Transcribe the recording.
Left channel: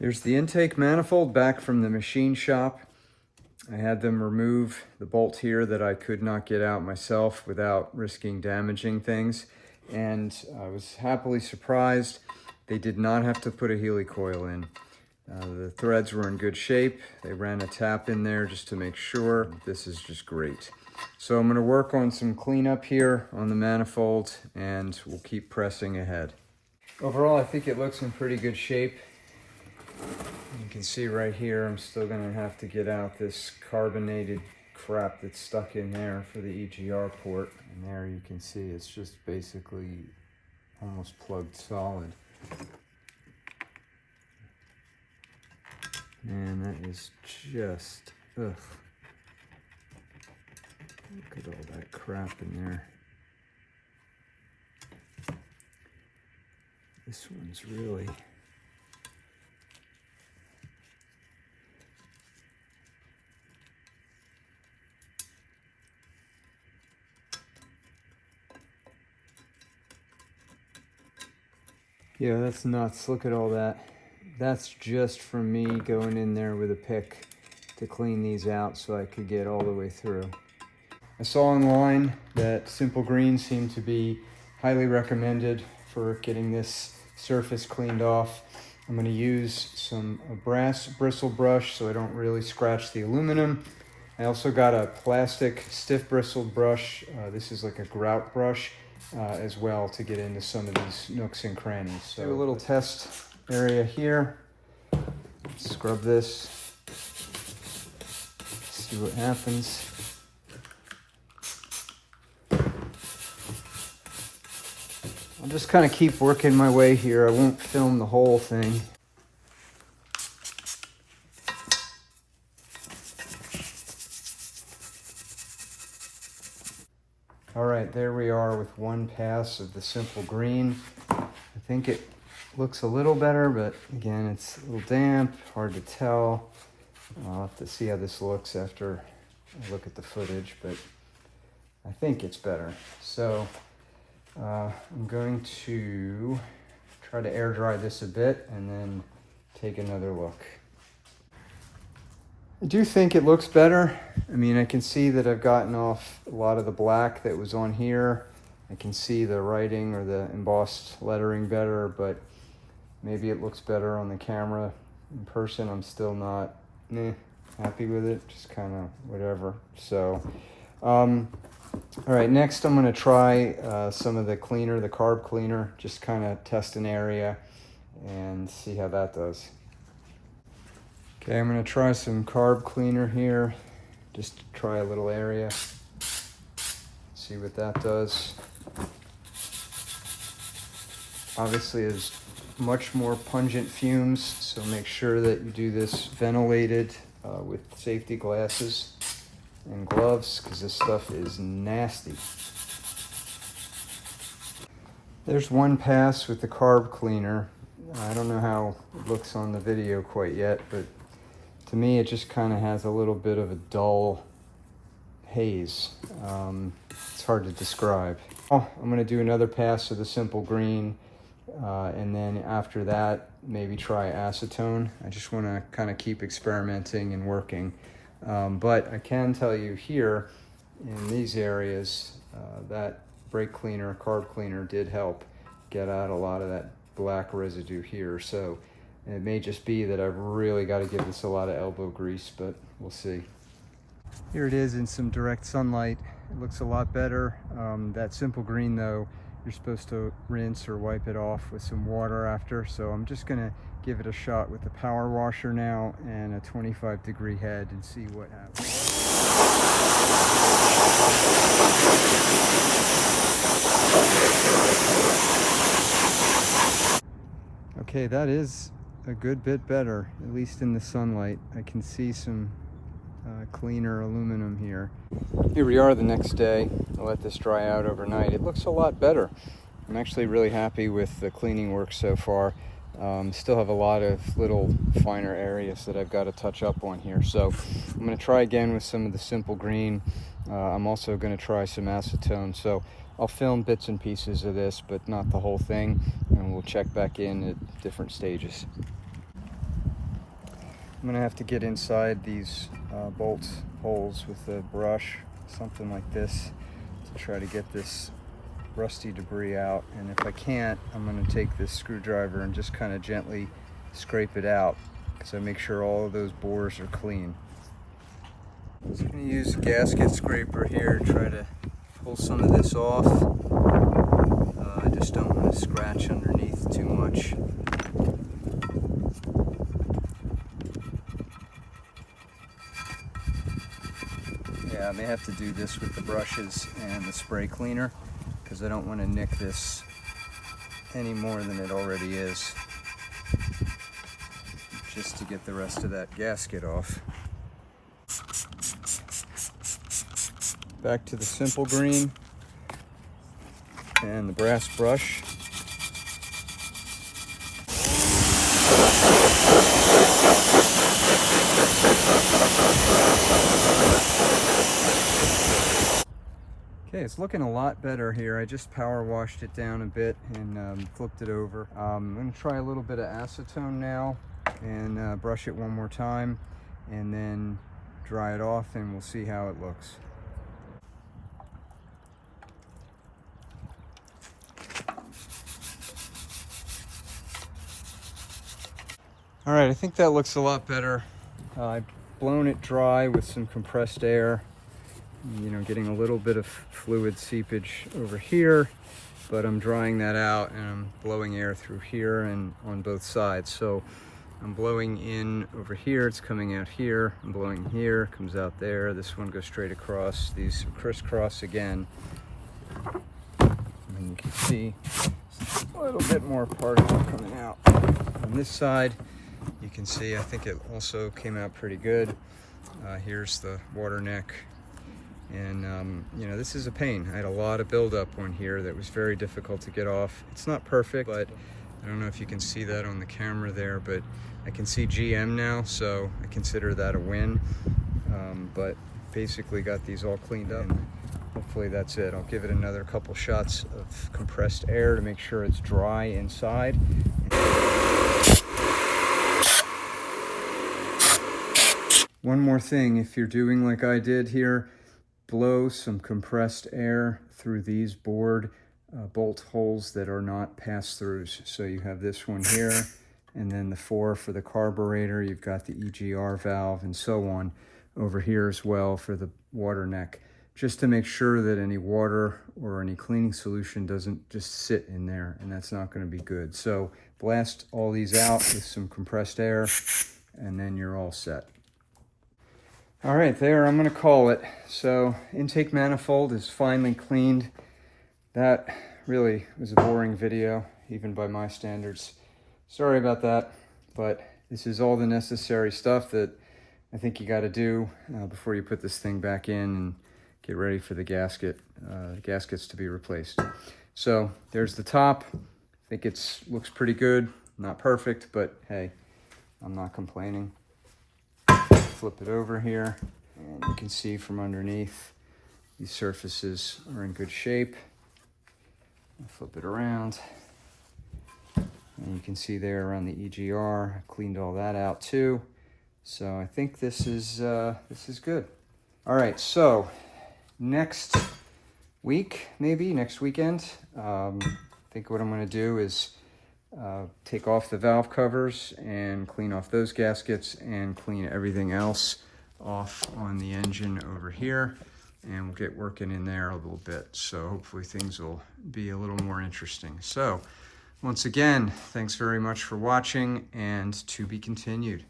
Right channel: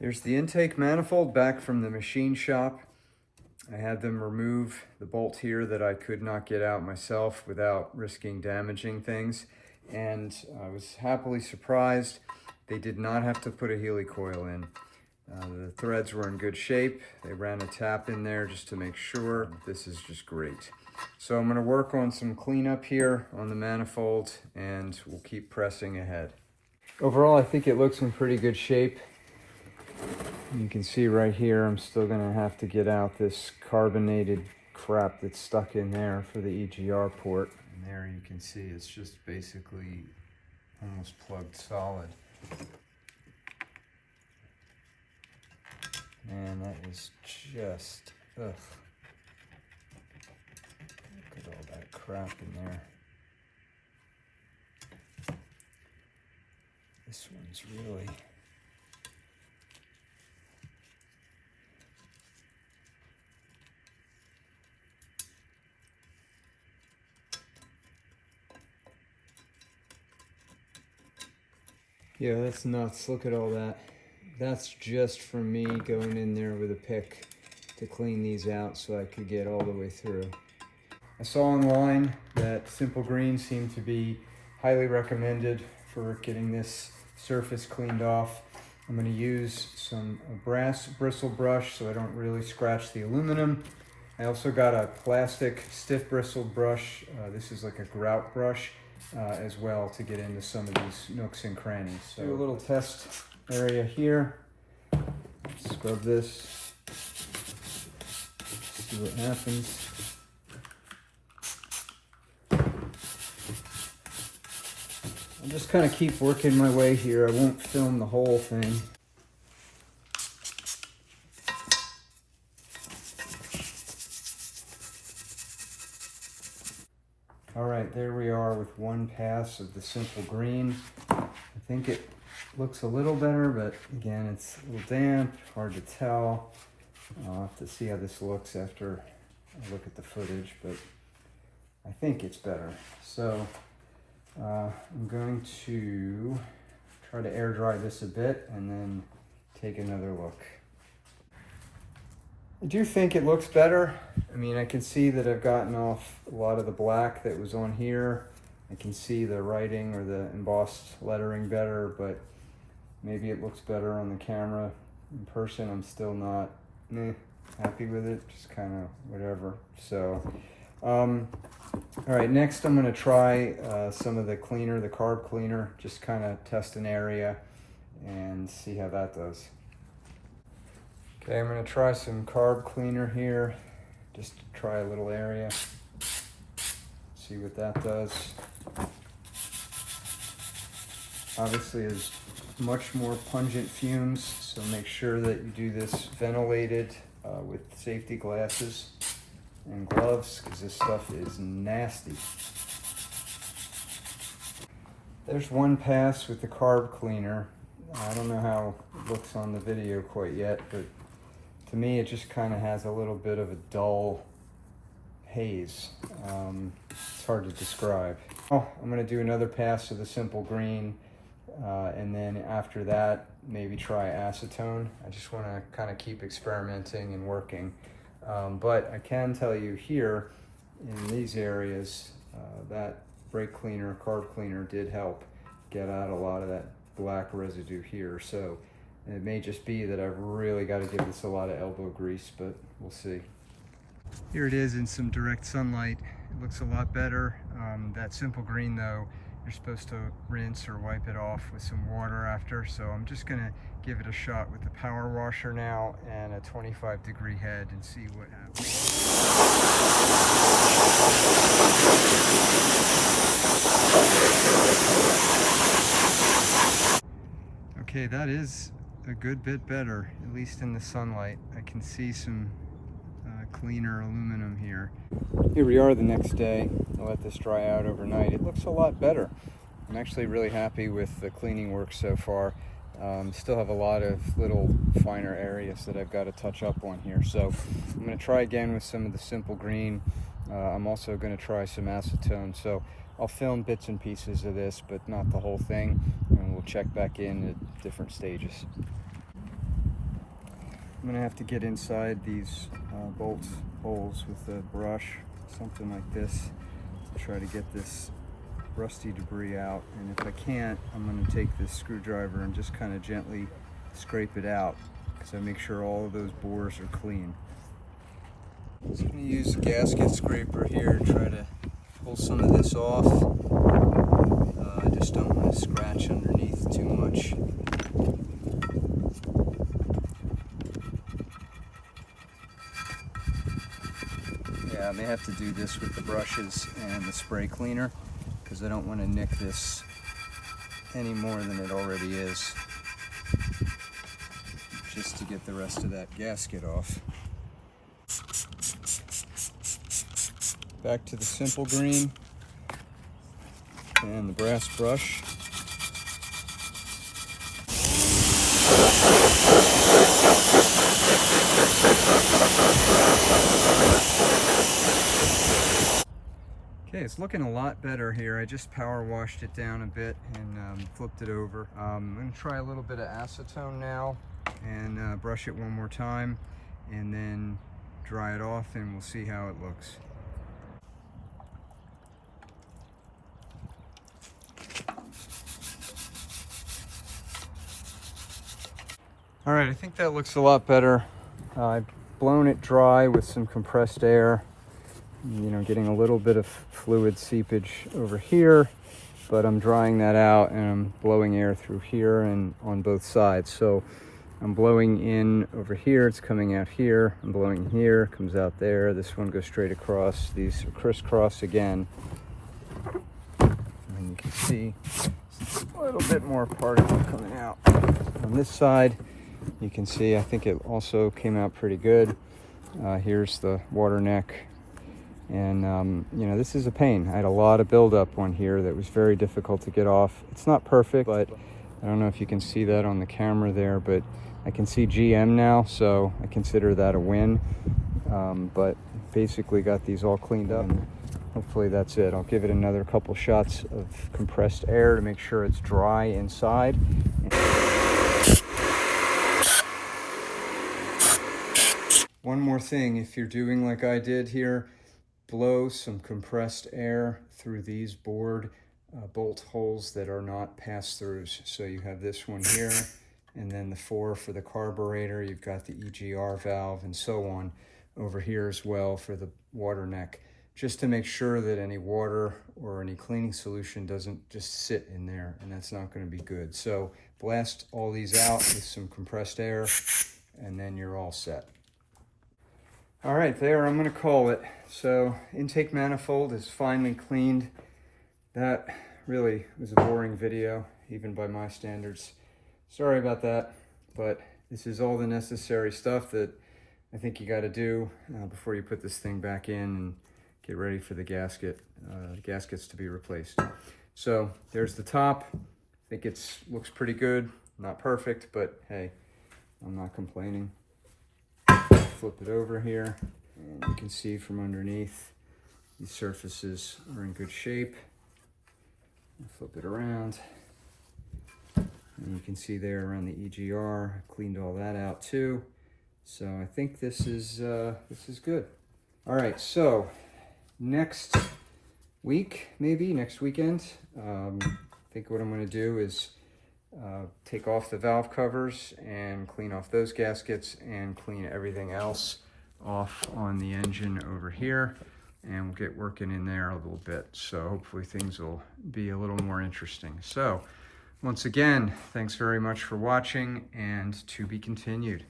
Here's the intake manifold back from the machine shop. I had them remove the bolt here that I could not get out myself without risking damaging things. And I was happily surprised they did not have to put a Heli-Coil in. The threads were in good shape. They ran a tap in there just to make sure. This is just great. So I'm going to work on some cleanup here on the manifold and we'll keep pressing ahead. Overall, I think it looks in pretty good shape. You can see right here, I'm still going to have to get out this carbonated crap that's stuck in there for the EGR port. And there you can see it's just basically almost plugged solid. Man, that is just, ugh. Look at all that crap in there. This one's really... Yeah, that's nuts. Look at all that. That's just from me going in there with a pick to clean these out so I could get all the way through. I saw online that Simple Green seemed to be highly recommended for getting this surface cleaned off. I'm going to use some brass bristle brush so I don't really scratch the aluminum. I also got a plastic stiff bristled brush. This is like a grout brush. As well to get into some of these nooks and crannies. So do a little test area here. Scrub this. See what happens. I'll just kind of keep working my way here. I won't film the whole thing. All right, there we are with one pass of the Simple Green. I think it looks a little better, but again, it's a little damp, hard to tell. I'll have to see how this looks after I look at the footage, but I think it's better. So I'm going to try to air dry this a bit and then take another look. I do think it looks better. I mean, I can see that I've gotten off a lot of the black that was on here. I can see the writing or the embossed lettering better, but maybe it looks better on the camera. In person, I'm still not happy with it, just kind of whatever. So, all right, next I'm gonna try some of the cleaner, the carb cleaner, just kind of test an area and see how that does. Okay, I'm going to try some carb cleaner here, just to try a little area, see what that does. Obviously, there's much more pungent fumes, so make sure that you do this ventilated with safety glasses and gloves, because this stuff is nasty. There's one pass with the carb cleaner. I don't know how it looks on the video quite yet, but to me, it just kind of has a little bit of a dull haze. It's hard to describe. Oh, I'm going to do another pass of the Simple Green, and then after that, maybe try acetone. I just want to kind of keep experimenting and working. But I can tell you here, in these areas, that brake cleaner, carb cleaner did help get out a lot of that black residue here. So it may just be that I've really got to give this a lot of elbow grease, but we'll see. Here it is in some direct sunlight. It looks a lot better. That Simple Green though, you're supposed to rinse or wipe it off with some water after. So I'm just gonna give it a shot with the power washer now and a 25-degree head and see what happens. Okay, that is a good bit better, at least in the sunlight. I can see some cleaner aluminum here. Here we are the next day. I'll let this dry out overnight. It looks a lot better. I'm actually really happy with the cleaning work so far. Still have a lot of little finer areas that I've got to touch up on here. So I'm going to try again with some of the Simple Green. I'm also going to try some acetone. So I'll film bits and pieces of this, but not the whole thing. And we'll check back in at different stages. I'm gonna have to get inside these bolt holes with a brush, something like this, to try to get this rusty debris out. And if I can't, I'm gonna take this screwdriver and just kind of gently scrape it out, so I make sure all of those bores are clean. So I'm gonna use a gasket scraper here to try to pull some of this off. I just don't want to scratch underneath too much. Yeah, I may have to do this with the brushes and the spray cleaner, because I don't want to nick this any more than it already is, just to get the rest of that gasket off. Back to the simple green and the brass brush. Okay, it's looking a lot better here. I just power washed it down a bit and flipped it over. I'm going to try a little bit of acetone now and brush it one more time and then dry it off, and we'll see how it looks. All right, I think that looks a lot better. I've blown it dry with some compressed air, you know, getting a little bit of fluid seepage over here, but I'm drying that out and I'm blowing air through here and on both sides. So I'm blowing in over here, it's coming out here. I'm blowing here, comes out there. This one goes straight across. These are crisscross again. And you can see a little bit more particle coming out. On this side, you can see, I think it also came out pretty good. Here's the water neck. And, you know, this is a pain. I had a lot of buildup on here that was very difficult to get off. It's not perfect, but I don't know if you can see that on the camera there, but I can see GM now, so I consider that a win. But basically got these all cleaned up. And hopefully that's it. I'll give it another couple shots of compressed air to make sure it's dry inside. One more thing, if you're doing like I did here, blow some compressed air through these bolt holes that are not pass-throughs. So you have this one here, and then the 4 for the carburetor. You've got the EGR valve and so on over here as well for the water neck, just to make sure that any water or any cleaning solution doesn't just sit in there, and that's not going to be good. So blast all these out with some compressed air, and then you're all set. All right, there, I'm gonna call it. So intake manifold is finally cleaned. That really was a boring video, even by my standards. Sorry about that, but this is all the necessary stuff that I think you gotta do before you put this thing back in and get ready for the gaskets to be replaced. So there's the top. I think it looks pretty good. Not perfect, but hey, I'm not complaining. Flip it over here, and you can see from underneath these surfaces are in good shape. Flip it around, and you can see there around the EGR, I cleaned all that out too. So I think this is good. All right, so next week, maybe next weekend, I think what I'm going to do is take off the valve covers and clean off those gaskets and clean everything else off on the engine over here, and we'll get working in there a little bit. So hopefully things will be a little more interesting. So once again, thanks very much for watching, and to be continued.